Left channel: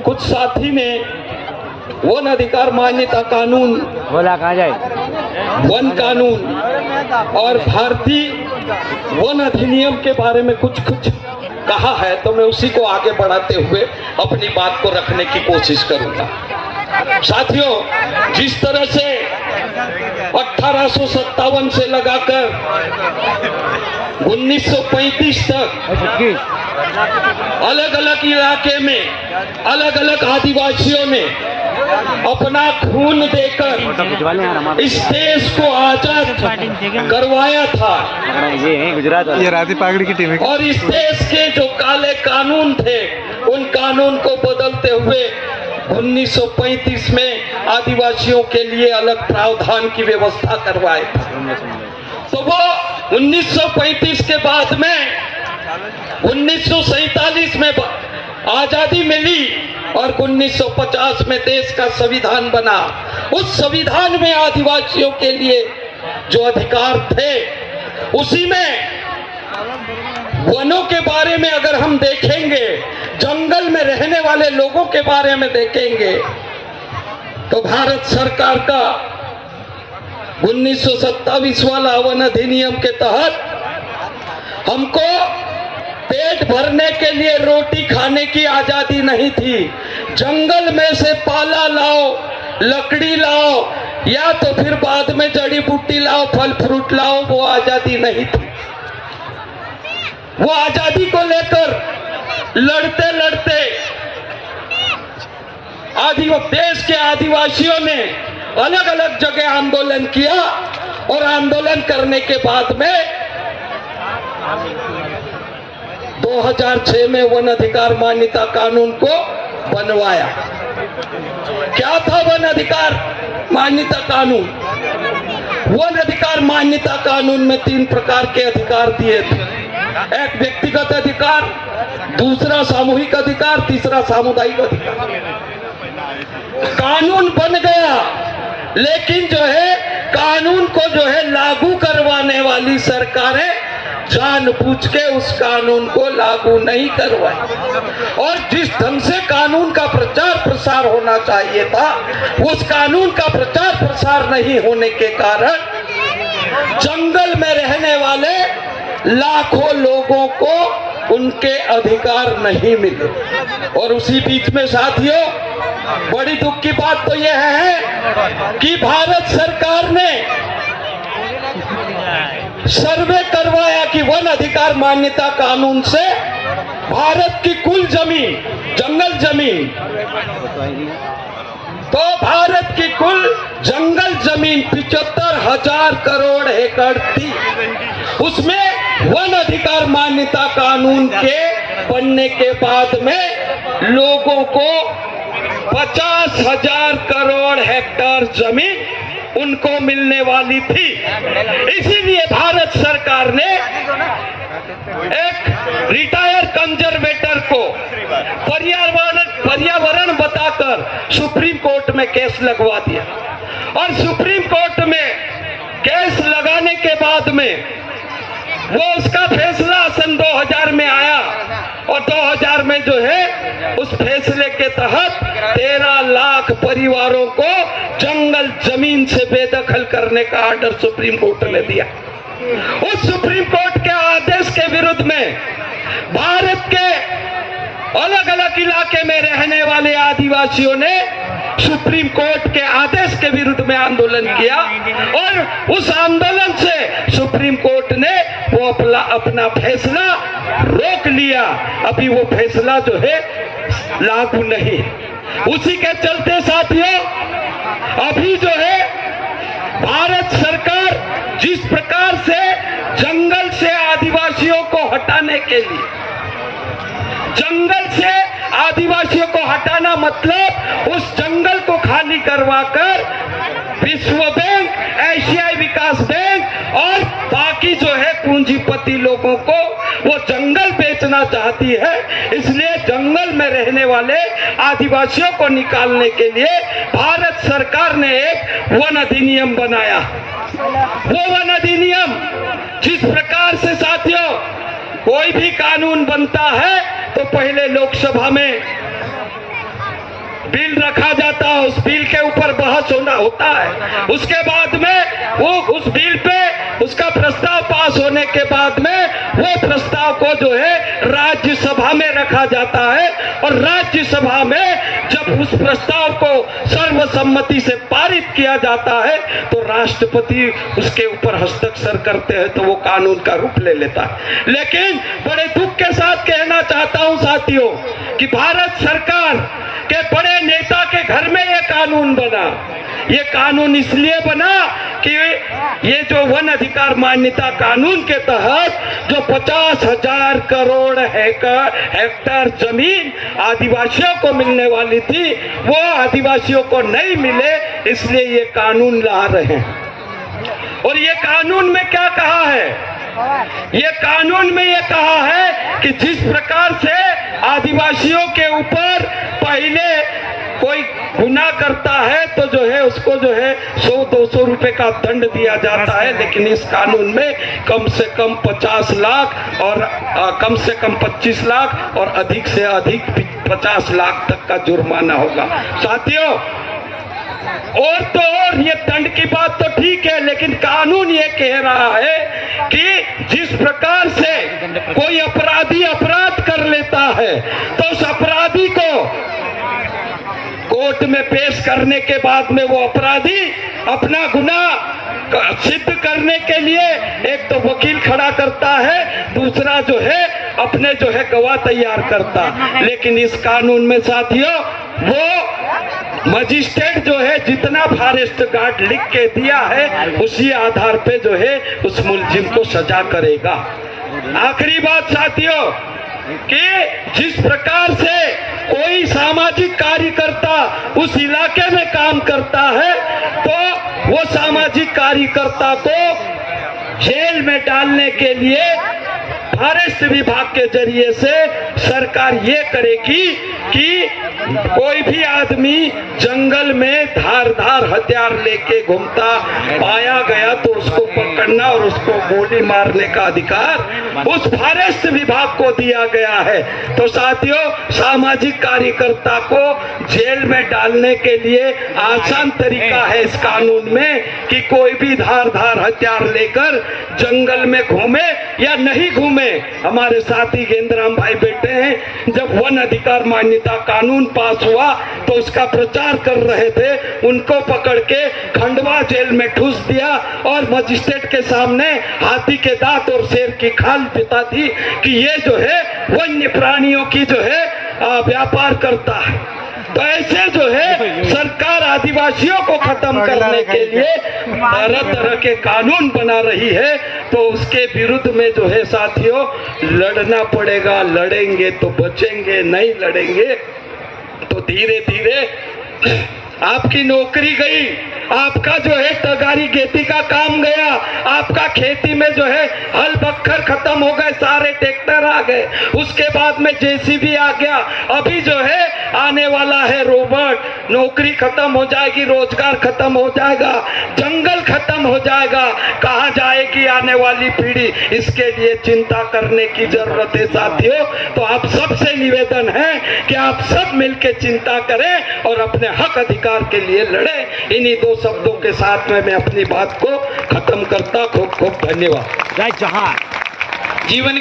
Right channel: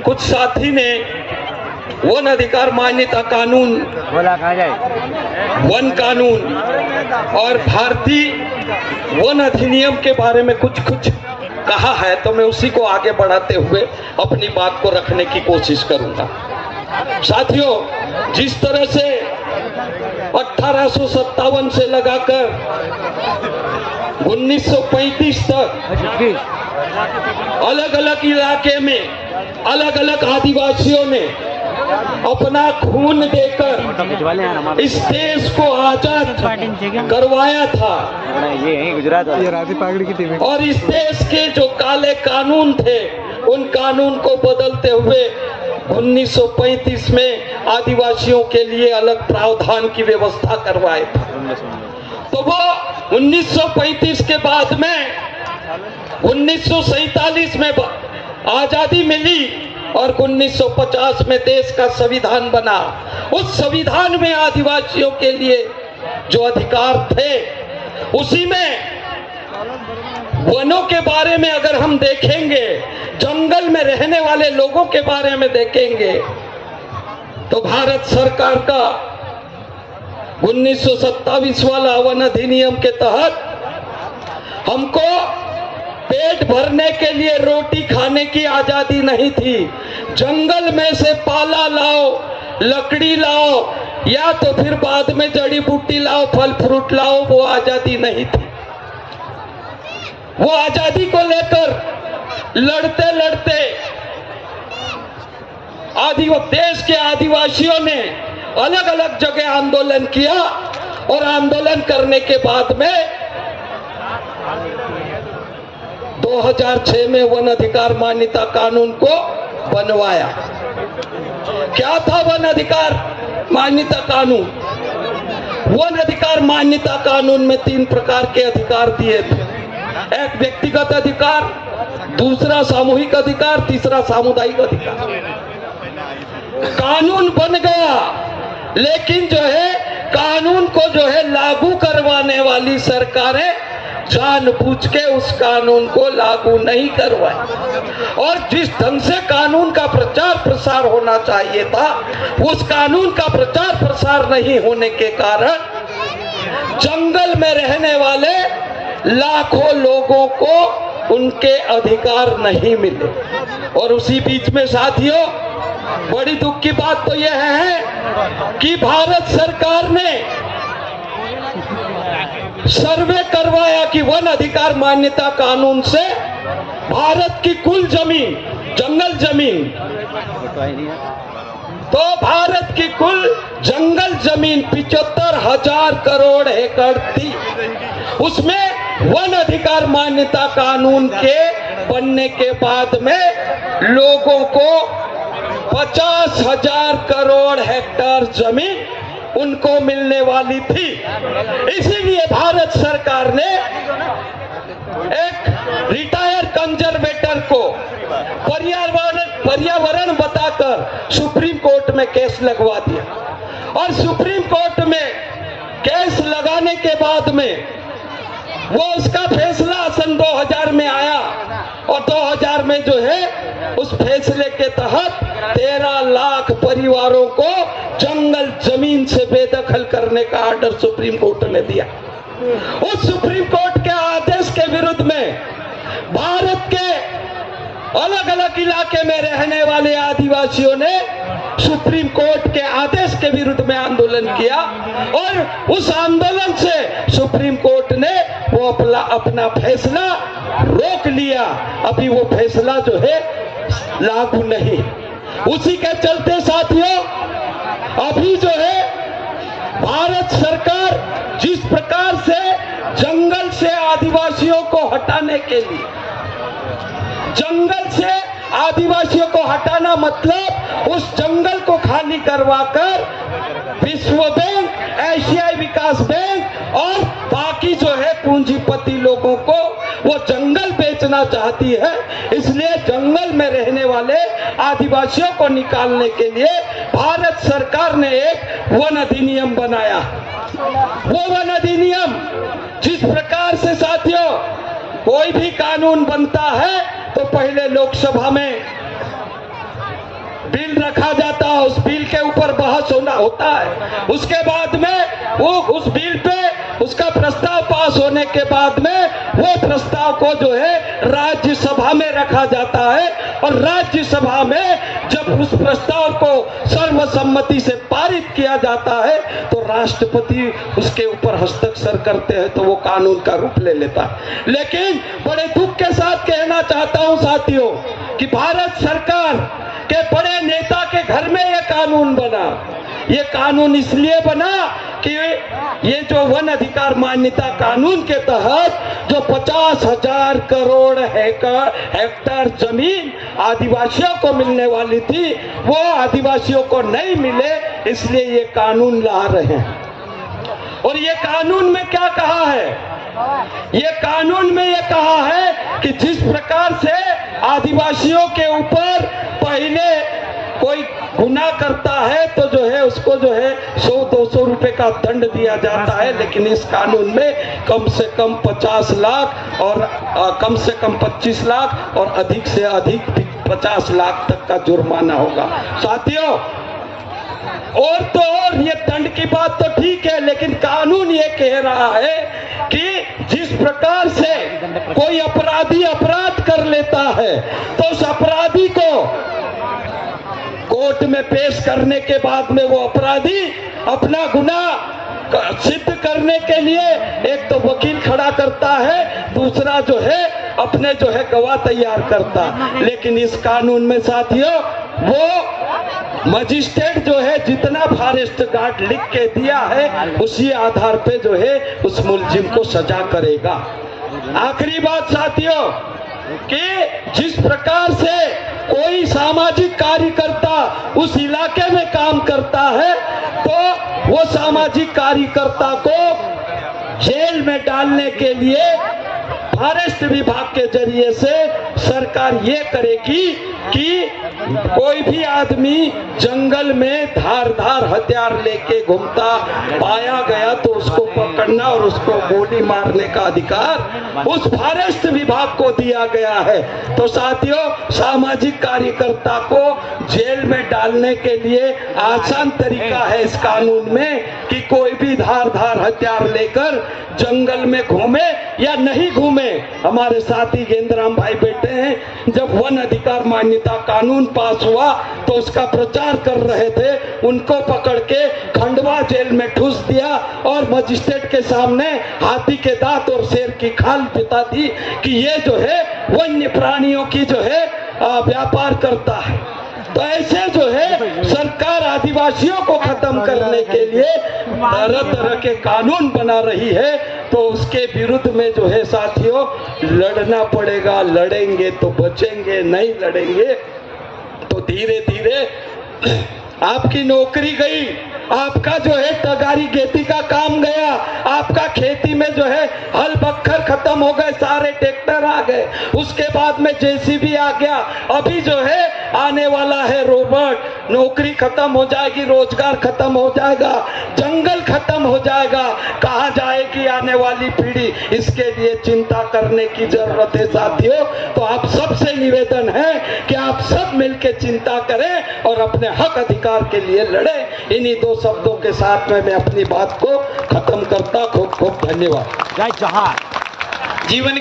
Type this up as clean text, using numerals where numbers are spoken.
कुछ साथी ने वन अधिकार मान्यता कानून, वन कानून और भारतीय वन अधिनियम के बारे में कुछ कहा है, तो मैं उसी को आगे बढ़ाते हुए अपनी बात को रखने की कोशिश करूंगा। साथियों, जिस तरह से 1857 से लगाकर 1935 तक अलग अलग इलाके में अलग अलग आदिवासियों ने अपना खून देकर इस देश को आजाद करवाया था, ये गुजरात, ये राधी पागड़ी की टीम है। और इस देश के जो काले कानून थे उन कानून को बदलते हुए 1935 में आदिवासियों के लिए अलग प्रावधान की व्यवस्था करवाए थे। तो वो 1935 के बाद में 1947 में आजादी मिली और 1950 में देश का संविधान बना। उस संविधान में आदिवासियों के लिए जो अधिकार थे, उसी में वनों के बारे में अगर हम देखेंगे, जंगल में रहने वाले लोगों के बारे में देखेंगे, तो भारत सरकार का 1927 वाला वन अधिनियम के तहत हमको पेट भरने के लिए रोटी खाने की आजादी नहीं थी। जंगल में से पाला लाओ, लकड़ी लाओ, या तो फिर बाद में जड़ी बूटी लाओ, फल फ्रूट लाओ, वो आजादी नहीं थी। वो आजादी को लेकर लड़ते लड़ते देश के आदिवासियों ने अलग अलग जगह आंदोलन किया और आंदोलन करने के बाद में 2006 में वन अधिकार मान्यता कानून को बनवाया। क्या था वन अधिकार मान्यता कानून? वन अधिकार मान्यता कानून में 3 प्रकार के अधिकार दिए थे। एक व्यक्तिगत अधिकार, दूसरा सामूहिक अधिकार, तीसरा सामुदायिक अधिकार। कानून बन गया, लेकिन जो है कानून को जो है लागू करवाने वाली सरकारें जानबूझ के उस कानून को लागू नहीं करवाई, और जिस ढंग से कानून का प्रचार प्रसार होना चाहिए था, उस कानून का प्रचार प्रसार नहीं होने के कारण जंगल में रहने वाले लाखों लोगों को उनके अधिकार नहीं मिले। और उसी बीच में साथियों, बड़ी दुख की बात तो यह है कि भारत सरकार ने सर्वे करवाया कि वन अधिकार मान्यता कानून से भारत की कुल जमीन, जंगल जमीन, तो भारत की कुल जंगल जमीन 75,000 करोड़ एकड़ थी। उसमें वन अधिकार मान्यता कानून के बनने के बाद में लोगों को 50,000 करोड़ हेक्टेयर जमीन उनको मिलने वाली थी। इसीलिए भारत सरकार ने एक रिटायर कंजर्वेटर को पर्यावरण बताकर सुप्रीम कोर्ट में केस लगवा दिया, और सुप्रीम कोर्ट में केस लगाने के बाद में वो उसका फैसला सन 2000 में आया, और 2000 में जो है उस फैसले के तहत 13 लाख परिवारों को जंगल जमीन से बेदखल करने का आर्डर सुप्रीम कोर्ट ने दिया। उस सुप्रीम कोर्ट के आदेश के विरुद्ध में भारत के अलग अलग इलाके में रहने वाले आदिवासियों ने सुप्रीम कोर्ट के आदेश के विरुद्ध में आंदोलन किया, और उस आंदोलन से सुप्रीम कोर्ट ने वो अपना फैसला रोक लिया। अभी वो फैसला जो है लागू नहीं। उसी के चलते साथियों, अभी जो है भारत सरकार जिस प्रकार से जंगल से आदिवासियों को हटाने के लिए, जंगल से आदिवासियों को हटाना मतलब उस जंगल को खाली करवाकर विश्व बैंक, एशियाई विकास बैंक और बाकी जो है पूंजीपति लोगों को वो जंगल बेचना चाहती है। इसलिए जंगल में रहने वाले आदिवासियों को निकालने के लिए भारत सरकार ने एक वन अधिनियम बनाया। वो वन अधिनियम जिस प्रकार से साथियों कोई भी कानून बनता है तो पहले लोकसभा में बिल रखा जाता है, उस बिल के ऊपर बहस होता है। उसके बाद में वो उस बिल पे उसका प्रस्ताव पास होने के बाद में वो प्रस्ताव को जो है राज्यसभा में रखा जाता है, और राज्यसभा में जब उस प्रस्ताव को सर्वसम्मति से पारित किया जाता है तो राष्ट्रपति उसके ऊपर हस्ताक्षर करते हैं, तो वो कानून का रूप ले लेता है। लेकिन बड़े दुख के साथ कहना चाहता हूं साथियों कि भारत सरकार के बड़े नेता के घर में ये कानून बना। ये कानून इसलिए बना कि ये जो वन अधिकार मान्यता कानून के तहत जो 50,000 करोड़ हेक्टेयर जमीन आदिवासियों को मिलने वाली थी, वो आदिवासियों को नहीं मिले, इसलिए ये कानून ला रहे हैं। और ये कानून में क्या कहा है? ये कानून में ये कहा है कि जिस प्रकार से आदिवासियों के ऊपर पहले कोई गुनाह करता है तो जो है उसको जो है 100-200 रुपए का दंड दिया जाता है, लेकिन इस कानून में कम से कम 50 लाख और कम से कम 25 लाख और अधिक से अधिक 50 लाख तक का जुर्माना होगा। साथियों, और तो और ये दंड की बात तो ठीक है, लेकिन कानून ये कह रहा है कि जिस प्रकार से कोई अपराधी अपराध कर लेता है तो उस अपराधी को कोर्ट में पेश करने के बाद में वो अपराधी अपना गुनाह सिद्ध करने के लिए एक तो वकील खड़ा करता है, दूसरा जो है अपने जो है गवाह तैयार करता। लेकिन इस कानून में साथियों वो मजिस्ट्रेट जो है जितना फॉरेस्ट गार्ड लिख के दिया है उसी आधार पे जो है उस मुलजिम को सजा करेगा। आखिरी बात साथियों कि जिस प्रकार से कोई सामाजिक कार्यकर्ता उस इलाके में काम करता है तो वो सामाजिक कार्यकर्ता को जेल में डालने के लिए फॉरेस्ट विभाग के जरिए से सरकार ये करेगी कि कोई भी आदमी जंगल में धारदार हथियार लेके घूमता पाया गया तो उसको पकड़ना और उसको गोली मारने का अधिकार उस फॉरेस्ट विभाग को दिया गया है। तो साथियों, सामाजिक कार्यकर्ता को जेल में डालने के लिए आसान तरीका है इस कानून में कि कोई भी धारदार हथियार लेकर जंगल में घूमे या नहीं घूमे। हमारे साथी गेंद्राम भाई बैठे हैं, जब वन अधिकार मान्यता कानून पास हुआ तो उसका प्रचार कर रहे थे, उनको पकड़ के खंडवा जेल में ठूस दिया और मजिस्ट्रेट के सामने हाथी के दांत और शेर की खाल पिता थी कि ये जो है वन्य प्राणियों की जो है व्यापार करता है। तो ऐसे जो है सरकार आदिवासियों को खत्म करने के लिए तरह तरह के कानून बना रही है, तो उसके विरुद्ध में जो है साथियों लड़ना पड़ेगा। लड़ेंगे तो बचेंगे, नहीं लड़ेंगे तो धीरे धीरे आपकी नौकरी गई, आपका जो है टगारी खेती का काम गया, आपका खेती में जो है हल बखर खत्म हो गए, सारे ट्रैक्टर आ गए, उसके बाद में जेसीबी आ गया, अभी जो है आने वाला है रोबोट, नौकरी खत्म हो जाएगी, रोजगार खत्म हो जाएगा, जंगल खत्म हो जाएगा, कहाँ जाएगी आने वाली पीढ़ी, इसके लिए चिंता करने की जरूरत है साथियों। तो आप सबसे निवेदन है कि आप सब मिलकर चिंता करें और अपने हक अधिकार के लिए लड़ें। इन्हीं दो शब्दों के साथ में मैं अपनी बात को खत्म करता। खूब खूब धन्यवाद। जय जहान। जीवन